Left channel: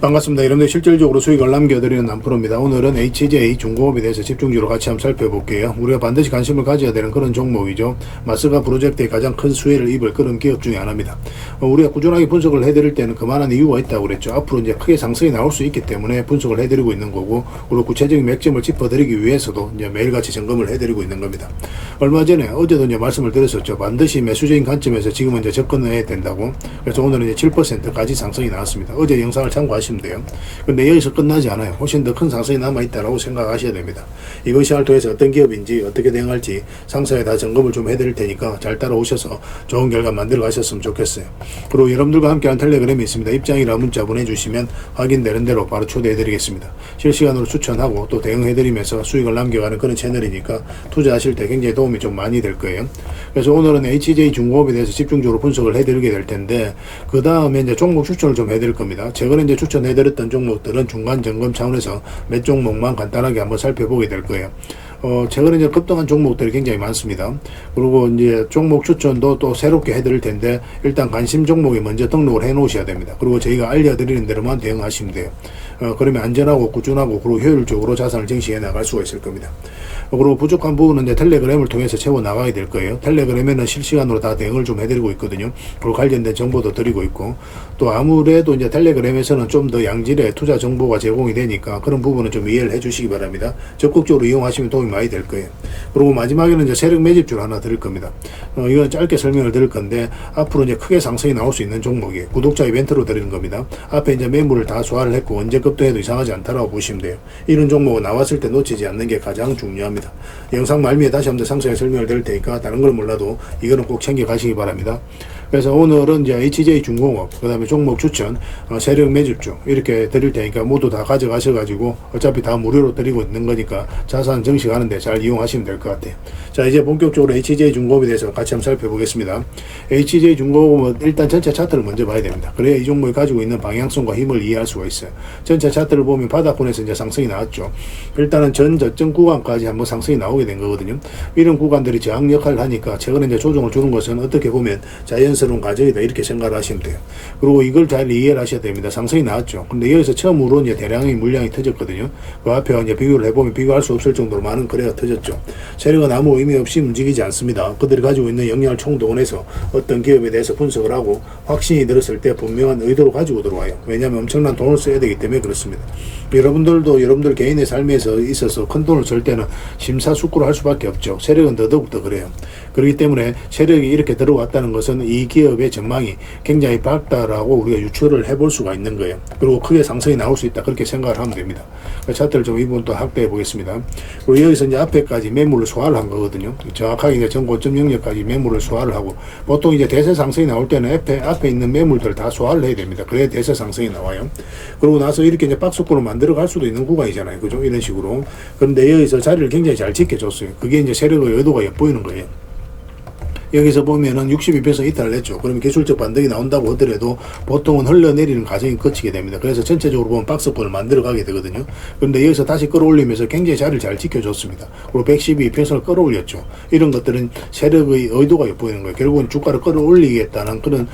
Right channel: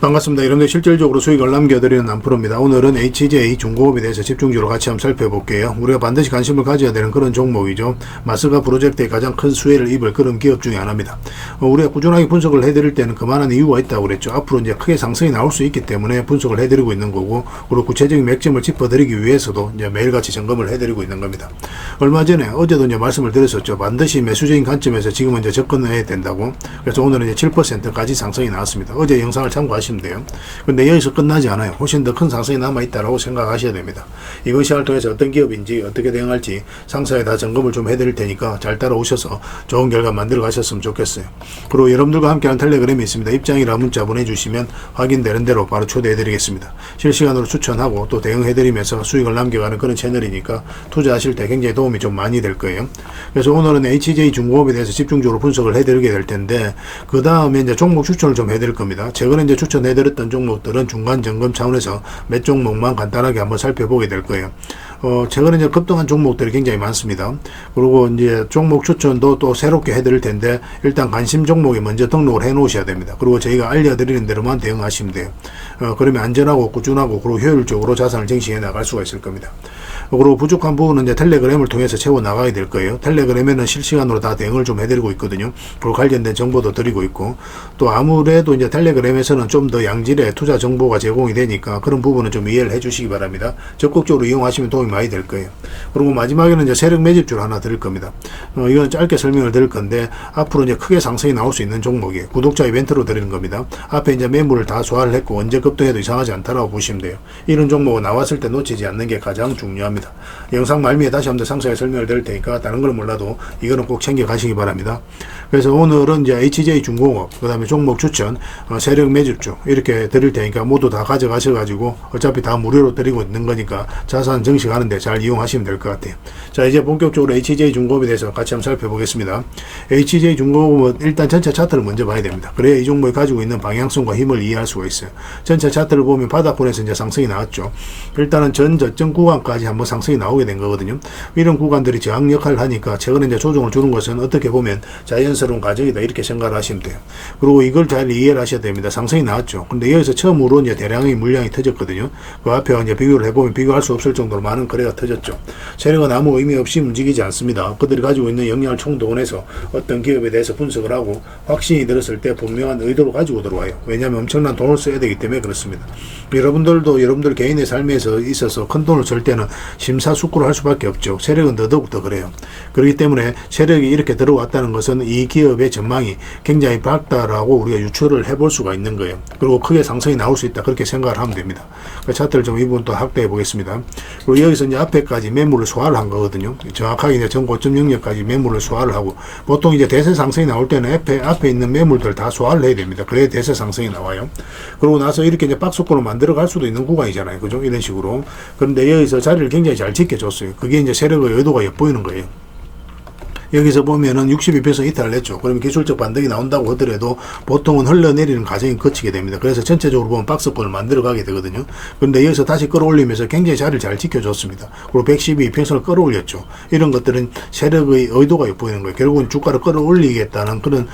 반갑습니다. 여러분들 실질적으로 수익을 남겨드리는 남프로입니다. 오늘은 HJ 중공업에 대해서 집중적으로 같이 한번 살펴볼게요. 우리가 반드시 관심을 가져야 되는 그런 종목이죠. 마스가 프로젝트에 가장 큰 수혜를 입을 그런 기업 중에 하나입니다. 우리가 꾸준하게 분석을 해드릴 때는 그만한 이유가 있다고 그랬죠. 앞으로 이제 크게 상승이 나올 수 있기 때문에 분석을 해드리고 있는 거고, 그리고 구체적인 맥점을 짚어드리기 위해서도 이제 매일같이 점검을 해드리고 있는 겁니다. 얼마 전에 어제도 이제 말씀을 드렸었죠. 반드시 매수적인 관점에서 지금은 이제 접근해야 된다고. 그래서 오늘은 이제 7%까지 상승이 나왔습니다. 어제 영상을 참고하시면 돼요. 근데 여기서 끝나지 않아요. 훨씬 더 큰 상승이 남아있다라고 생각하셔야 됩니다. 이것을 통해서 어떤 기업인지 어떻게 대응할지 상세하게 다 점검을 좀 해드릴 테니까 잘 따라오셔서 좋은 결과 만들어 가셨으면 좋겠어요. 그리고 여러분들과 함께하는 텔레그램이 있습니다. 입장이라 문자 보내주시면 확인되는 대로 바로 초대해드리겠습니다. 실시간으로 추천하고 또 대응해드리면서 수익을 남겨가는 그런 채널이니까 투자하실 때 굉장히 도움이 좀 많이 될 거예요. 그래서 오늘은 HJ 중공업에 대해서 집중적으로 분석을 해드리게 될 텐데, 그 다음에 이제 종목 추천을 좀 해드릴 겁니다. 최근에 이제 추천해드렸던 종목들은 중간 점검 차원에서 몇 종목만 간단하게 한번 살펴보게 될 거예요. 최근에 이제 급등한 종목들이 굉장히 많습니다. 그리고 이제 종목 추천도 또 새롭게 해드릴 텐데, 일단 관심 종목에 먼저 등록을 해 놓으셔야 됩니다. 그리고 저희가 알려드리는 대로만 대응하시면 돼요. 그러면 안전하고 꾸준하고 그리고 효율적으로 자산을 증식해 나갈 수가 있을 겁니다. 그리고 부족한 부분은 이제 텔레그램을 통해서 채워 나가게 될 거예요. 텔레그램에는 실시간으로 다 대응을 좀 해드리고 있거든요. 그리고 관련된 정보도 드리고 있고, 또 아무래도 이제 텔레그램에서는 좀 더 양질의 투자 정보가 제공이 되니까 그런 부분은 좀 이해를 해 주시기 바랍니다. 적극적으로 이용하시면 도움이 많이 될 거예요. 그리고 마지막에는 이제 세력 매집주를 하나 드릴 겁니다. 이건 짧게 설명을 드릴 건데, 앞으로 이제 크게 상승이 나올 수 있는 종목이에요. 구독자 이벤트로 드리는 겁니다. 앞에 이제 매물을 다 소화를 했고 언제 급등해도 이상하지 않다라고 보시면 돼요. 이런 종목은 나왔을 때 놓치지 않는 게 가장 중요합니다. 영상 말미에 다시 한번 상세하게 설명을 드릴 테니까 다른 걸 몰라도 이거는 꼭 챙겨 가시기 바랍니다. 그래서 오늘은 이제 HJ 중공업, 그 다음에 종목 추천, 세력 매집주 이렇게 드릴 테니까 모두 다 가져가셔가지고 어차피 다 무료로 드리고 있는 거니까 자산 증식하는데 잘 이용하시면 될 것 같아요. 자, 이제 본격적으로 HJ 중공업에 대해서 같이 한번 살펴보겠습니다. HJ 중공업은 일단 전체 차트를 먼저 봐야 됩니다. 그래야 이 종목이 가지고 있는 방향성과 힘을 이해할 수가 있어요. 전체 차트를 보면 바닥권에서 이제 상승이 나왔죠. 일단은 전 저점 구간까지 한번 상승이 나오게 된 거거든요. 이런 구간들이 저항 역할을 하니까 최근에 이제 조정을 주는 것은 어떻게 보면 자연스러운 과정이다 이렇게 생각을 하시면 돼요. 그리고 이걸 잘 이해를 하셔야 됩니다. 상승이 나왔죠. 근데 여기서 처음으로 이제 대량의 물량이 터졌거든요. 그 앞에 이제 비교를 해보면 비교할 수 없을 정도로 많은 거래가 터졌죠. 세력은 아무 의미 없이 움직이지 않습니다. 그들이 가지고 있는 역량을 총동원해서 어떤 기업에 대해서 분석을 하고 확신이 들었을 때 분명한 의도를 가지고 들어와요. 왜냐하면 엄청난 돈을 써야 되기 때문에 그렇습니다. 여러분들도 여러분들 개인의 삶에서 있어서 큰 돈을 쓸 때는 심사숙고를 할 수밖에 없죠. 세력은 더더욱더 그래요. 그렇기 때문에 세력이 이렇게 들어왔다는 것은 이 기업의 전망이 굉장히 밝다라고 우리가 유추를 해볼 수가 있는 거예요. 그리고 크게 상승이 나올 수 있다 그렇게 생각을 하면 됩니다. 그 차트를 좀 이 부분 또 확대해 보겠습니다. 그리고 여기서 이제 앞에까지 매물을 소화를 한 거거든요. 정확하게 이제 전 고점 영역까지 매물을 소화를 하고, 보통 이제 대세 상승이 나올 때는 앞에 있는 매물들 다 소화를 해야 됩니다. 그래야 대세 상승이 나와요. 그러고 나서 이렇게 이제 박스권으로 만들어 갈 수도 있는 구간이잖아요. 그죠? 이런 식으로. 그런데 여기서 자리를 굉장히 잘 지켜줬어요. 그게 이제 세력의 의도가 엿보이는 거예요. 여기서 보면은 62% 이탈을 했죠. 그러면 기술적 반등이 나온다고 하더라도 보통은 흘러내리는 과정이 거치게 됩니다. 그래서 전체적으로 보면 박스권을 만들어 가게 되거든요. 그런데 여기서 다시 끌어올리면서 굉장히 자리를 잘 지켜줬습니다. 그리고 112%를 끌어올렸죠. 이런 것들은 세력의 의도가 엿보이는 거예요. 결국은 주가를 끌어올리겠다는 그런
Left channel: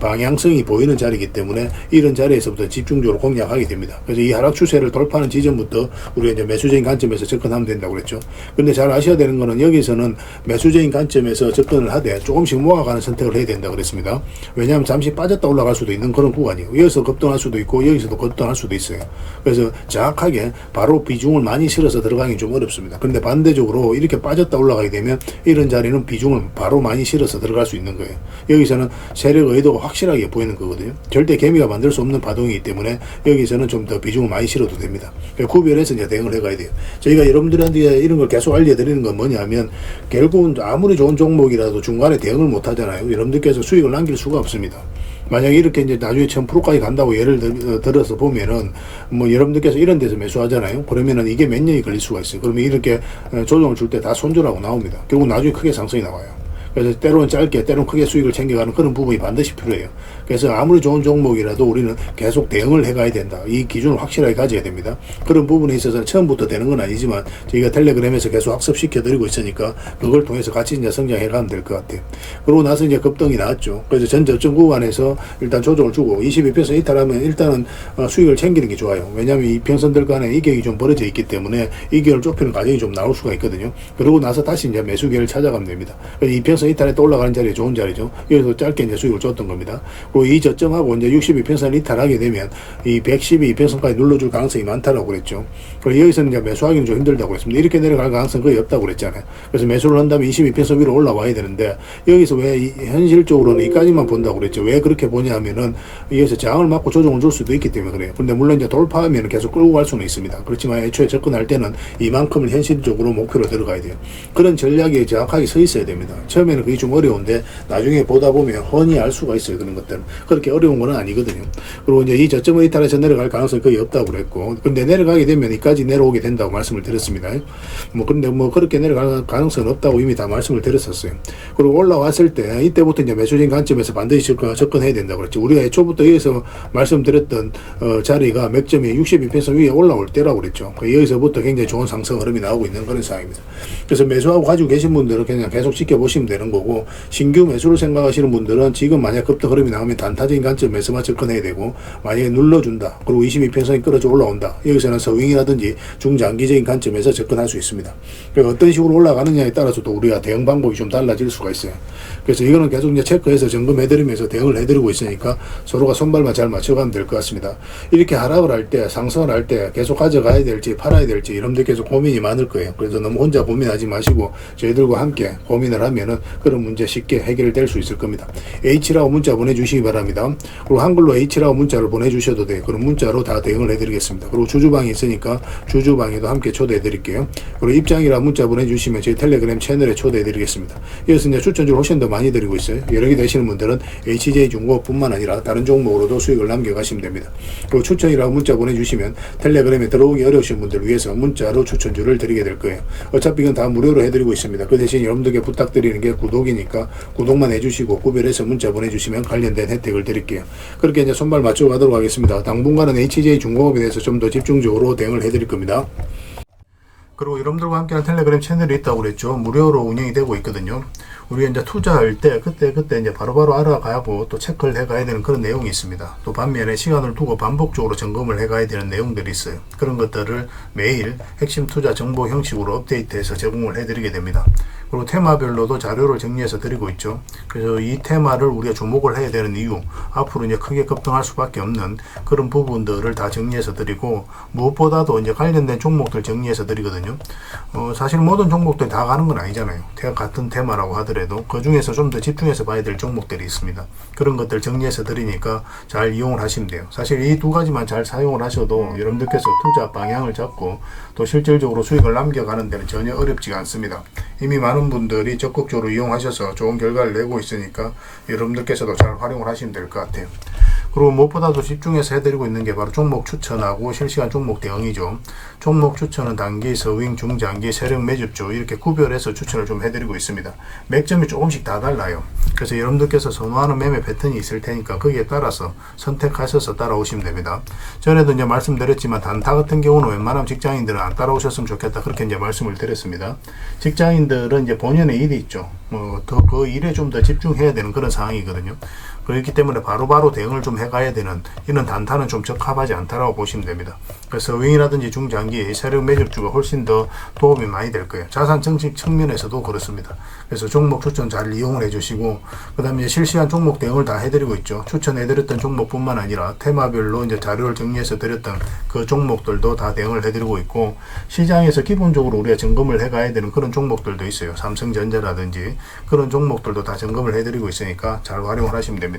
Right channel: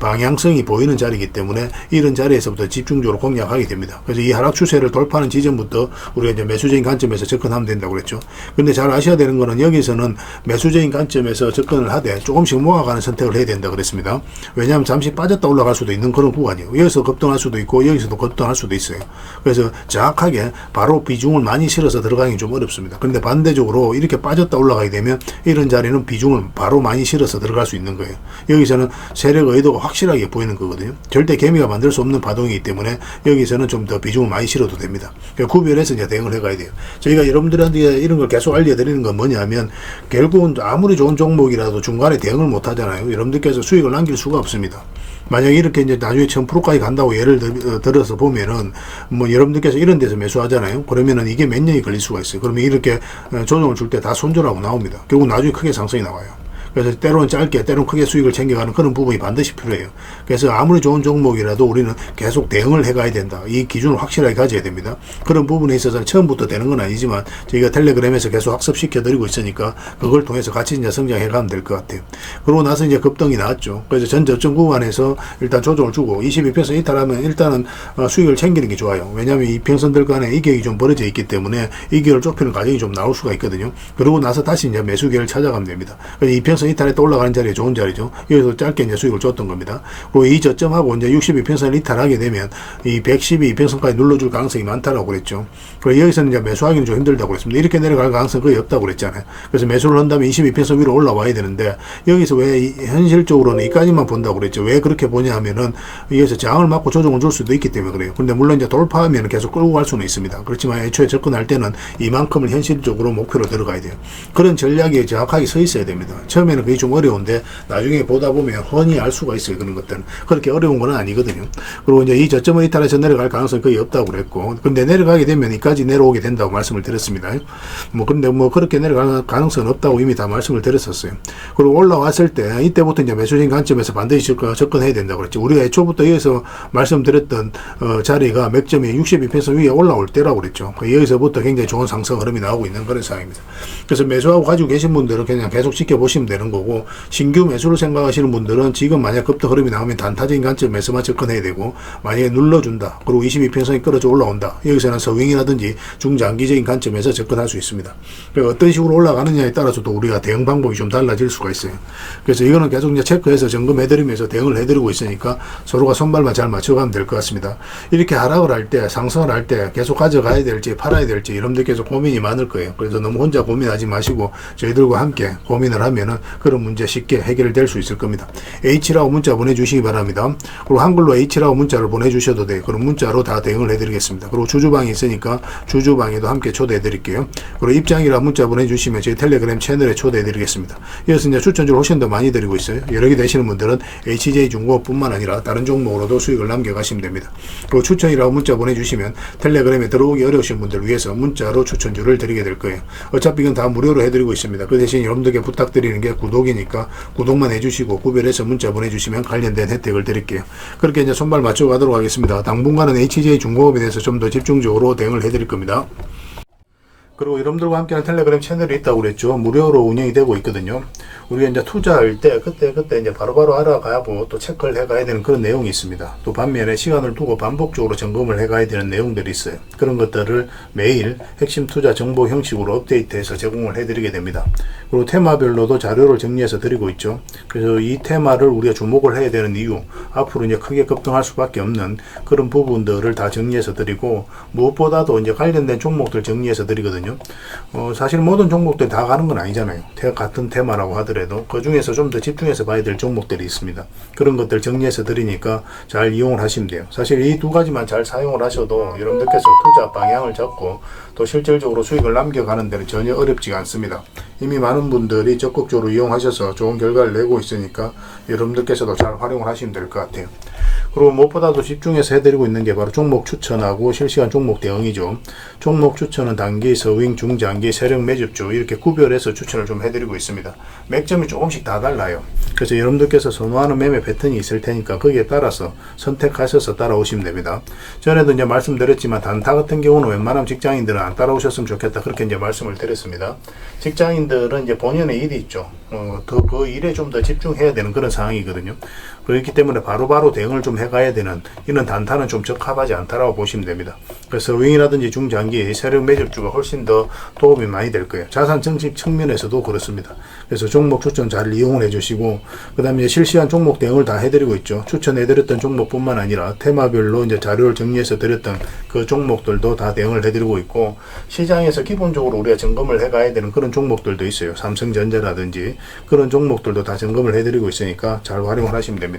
방향성이 보이는 자리이기 때문에 이런 자리에서부터 집중적으로 공략하게 됩니다. 그래서 이 하락 추세를 돌파하는 지점부터 우리가 이제 매수적인 관점에서 접근하면 된다고 그랬죠. 근데 잘 아셔야 되는 거는 여기서는 매수적인 관점에서 접근을 하되 조금씩 모아가는 선택을 해야 된다고 그랬습니다. 왜냐하면 잠시 빠졌다 올라갈 수도 있는 그런 구간이에요. 여기서 급등할 수도 있고 여기서도 급등할 수도 있어요. 그래서 정확하게 바로 비중을 많이 실어서 들어가기 좀 어렵습니다. 그런데 반대적으로 이렇게 빠졌다 올라가게 되면 이런 자리는 비중을 바로 많이 실어서 들어갈 수 있는 거예요. 여기서는 세력 의도가 확실하게 보이는 거거든요. 절대 개미가 만들 수 없는 파동이기 때문에 여기서는 좀 더 비중을 많이 실어도 됩니다. 구별해서 이제 대응을 해가야 돼요. 저희가 여러분들한테 이런 걸 계속 알려드리는 건 뭐냐면, 결국은 아무리 좋은 종목이라도 중간에 대응을 못 하잖아요. 여러분들께서 수익을 남길 수가 없습니다. 만약에 이렇게 이제 나중에 1000%까지 간다고 예를 들어서 보면은, 뭐 여러분들께서 이런 데서 매수하잖아요. 그러면은 이게 몇 년이 걸릴 수가 있어요. 그러면 이렇게 조정을 줄 때 다 손절하고 나옵니다. 결국 나중에 크게 상승이 나와요. 그래서 때로는 짧게 때로는 크게 수익을 챙겨가는 그런 부분이 반드시 필요해요. 그래서 아무리 좋은 종목이라도 우리는 계속 대응을 해가야 된다. 이 기준을 확실하게 가져야 됩니다. 그런 부분에 있어서는 처음부터 되는 건 아니지만 저희가 텔레그램에서 계속 학습시켜드리고 있으니까 그걸 통해서 같이 이제 성장해가면 될 것 같아요. 그러고 나서 이제 급등이 나왔죠. 그래서 전 저점 구간에서 일단 조정을 주고 22평선 이탈하면 일단은 수익을 챙기는 게 좋아요. 왜냐하면 이 평선들 간에 이격이 좀 벌어져 있기 때문에 이격을 좁히는 과정이 좀 나올 수가 있거든요. 그러고 나서 다시 이제 매수기를 찾아가면 됩니다. 이 평선 이탈에 또 올라가는 자리에 좋은 자리죠. 여기서 짧게 이제 수익을 줬던 겁니다. 그리고 이 저점하고 이제 62평선을 이탈하게 되면 이 112평선까지 눌러줄 가능성이 많다라고 그랬죠. 그리고 여기서는 이제 매수하기는 좀 힘들다고 그랬습니다. 이렇게 내려갈 가능성이 거의 없다고 그랬잖아요. 그래서 매수를 한다면 22평선 위로 올라와야 되는데 여기서 왜 현실적으로는 이까지만 본다고 그랬죠. 왜 그렇게 보냐 하면은 여기서 저항을 맞고 조정을 줄 수도 있기 때문에 그래요. 근데 물론 이제 돌파하면 계속 끌고 갈 수는 있습니다. 그렇지만 애초에 접근할 때는 이만큼을 현실적으로 목표로 들어가야 돼요. 그런 전략이 정확하게 서 있어야 됩니다. 처음에는 그게 좀 어려운데 나중에 보다 보면 훤히 알 수가 있어요. 그런 것들은 그렇게 어려운 건 아니거든요. 그리고 이제 이 저점을 이탈해서 내려갈 가능성이 거의 없다고 그랬고, 근데 내려가게 되면 이까지 내려오게 된다고 말씀을 드렸습니다. 근데 그렇게 내려갈 가능성은 없다고 이미 다 말씀을 드렸었어요. 그리고 올라왔을 때 이때부터 이제 매수적인 관점에서 반드시 접근해야 된다고 그랬죠. 우리가 애초부터 여기서 말씀드렸던 자리가 맥점이 62평선 위에 올라올 때라고 그랬죠. 여기서부터 굉장히 좋은 상승 흐름이 나오고 있는 그런 상황입니다. 그래서 매수하고 가지고 계신 분들은 그냥 계속 지켜보시면 되는 거고, 신규 매수를 생각하시는 분들은 지금 만약 급등 흐름이 나오면 단타적인 관점에서만 접근해야 되고, 만약에 눌러준다, 그리고 22평선이 끌어져 올라온다, 여기서는 서윙이라든지 중장기적인 관점에서 접근할 수 있습니다. 어떤 식으로 올라가느냐에 따라서도 우리가 대응 방법이 좀 달라질 수가 있어요. 그래서 이거는 계속 이제 체크해서 점검해드리면서 대응을 해드리고 있으니까 서로가 손발만 잘 맞춰가면 될 것 같습니다. 이렇게 하락을 할 때, 상승을 할 때 계속 가져가야 될지 팔아야 될지 여러분들께서 고민이 많을 거예요. 그래서 너무 혼자 고민하지 마시고 저희들과 함께 고민을 하면은 그런 문제 쉽게 해결될 수 있을 겁니다. H라고 문자 보내주시기 바랍니다. 그리고 한글로 H라고 문자를 보내주셔도 돼요. 그럼 문자로 다 대응을 해드리겠습니다. 그리고 주주방이 있으니까 주주방에도 함께 초대해드릴게요. 그리고 입장이라고 문자 보내주시면 저희 텔레그램 채널에 초대해드리겠습니다. 이어서 이제 추천주를 훨씬 더 많이 드리고 있어요. 여러 개 되시는 분들은 HJ중공업뿐만 아니라 다른 종목으로도 수익을 남겨가시면 됩니다. 그리고 추천이라고 문자 보내주시면 텔레그램에 들어오기 어려우신 분들을 위해서 문자로 추천주를 드리게 될 거예요. 어차피 이건 다 무료로 해드리고 있습니다. 그 대신 여러분들께 부탁드리는 게 구독이니까 구독만 해주시고 구별해서 문자 보내주시면 관련된 혜택을 드릴게요. 그렇게 이제 손발 맞춰 가도록 하겠습니다. 당분간은 HJ중공업에 대해서 좀 더 집중적으로 대응을 해드릴 겁니다. 그리고 여러분들과 함께하는 텔레그램 채널이 있다고 그랬죠. 무료로 운영이 되고 있거든요. 우리가 이제 투자할 때 그때 이제 바로바로 알아가고 또 체크를 해가야 되는 그런 내용이 있습니다. 또 반면에 시간을 두고 반복적으로 점검을 해가야 되는 내용들이 있어요. 그런 것들을 매일 핵심 투자 정보 형식으로 업데이트해서 제공을 해드리게 됩니다. 그리고 테마별로도 자료를 정리해서 드리고 있죠. 그래서 이 테마를 우리가 주목을 해야 되는 이유, 앞으로 이제 크게 급등할 수밖에 없는 그런 부분들을 다 정리해서 드리고, 무엇보다도 이제 관련된 종목들 정리해서 드리거든요. 사실 모든 종목들 다 가는 건 아니잖아요. 같은 테마라고 하더라도 그 중에서 좀 더 집중해서 봐야 될 종목들이 있습니다. 그런 것들 정리해서 드리니까 잘 이용을 하시면 돼요. 사실 이 두 가지만 잘 사용을 하셔도 여러분들께서 투자 방향을 잡고 또 실질적으로 수익을 남겨가는 데는 전혀 어렵지가 않습니다. 이미 많은 분들이 적극적으로 이용하셔서 좋은 결과를 내고 있으니까 여러분들께서도 잘 활용을 하시면 될 것 같아요. 그리고 무엇보다도 집중해서 해드리고 있는 게 바로 종목 추천하고 실시간 종목 대응이죠. 종목 추천은 단기, 서윙, 중장기, 세력 매집주 이렇게 구별해서 추천을 좀 해드리고 있습니다. 맥점이 조금씩 다 달라요. 그래서 여러분들께서 선호하는 매매 패턴이 있을 테니까 거기에 따라서 선택하셔서 따라오시면 됩니다. 전에도 이제 말씀드렸지만 단타 같은 경우는 웬만하면 직장인들은 안 따라오셨으면 좋겠다, 그렇게 이제 말씀을 드렸습니다. 직장인들은 이제 본연의 일이 있죠. 그 일에 좀 더 집중해야 되는 그런 상황이거든요. 그렇기 때문에 바로바로 대응을 좀 해가야 되는 이런 단타는 좀 적합하지 않다라고 보시면 됩니다. 그래서 서윙이라든지 중장기 세력 매집주가 훨씬 더 도움이 많이 될 거예요. 자산 증식 측면에서도 그렇습니다. 그래서 종목 추천 잘 이용을 해주시고, 그 다음에 실시간 종목 대응을 다 해드리고 있죠. 추천해드렸던 종목뿐만 아니라 테마별로 이제 자료를 정리해서 드렸던 그 종목들도 다 대응을 해드리고 있고, 시장에서 기본적으로 우리가 점검을 해가야 되는 그런 종목들도 있어요. 삼성전자라든지 그런 종목들도 다 점검을 해드리고 있으니까 잘 활용을 하시면 됩니다.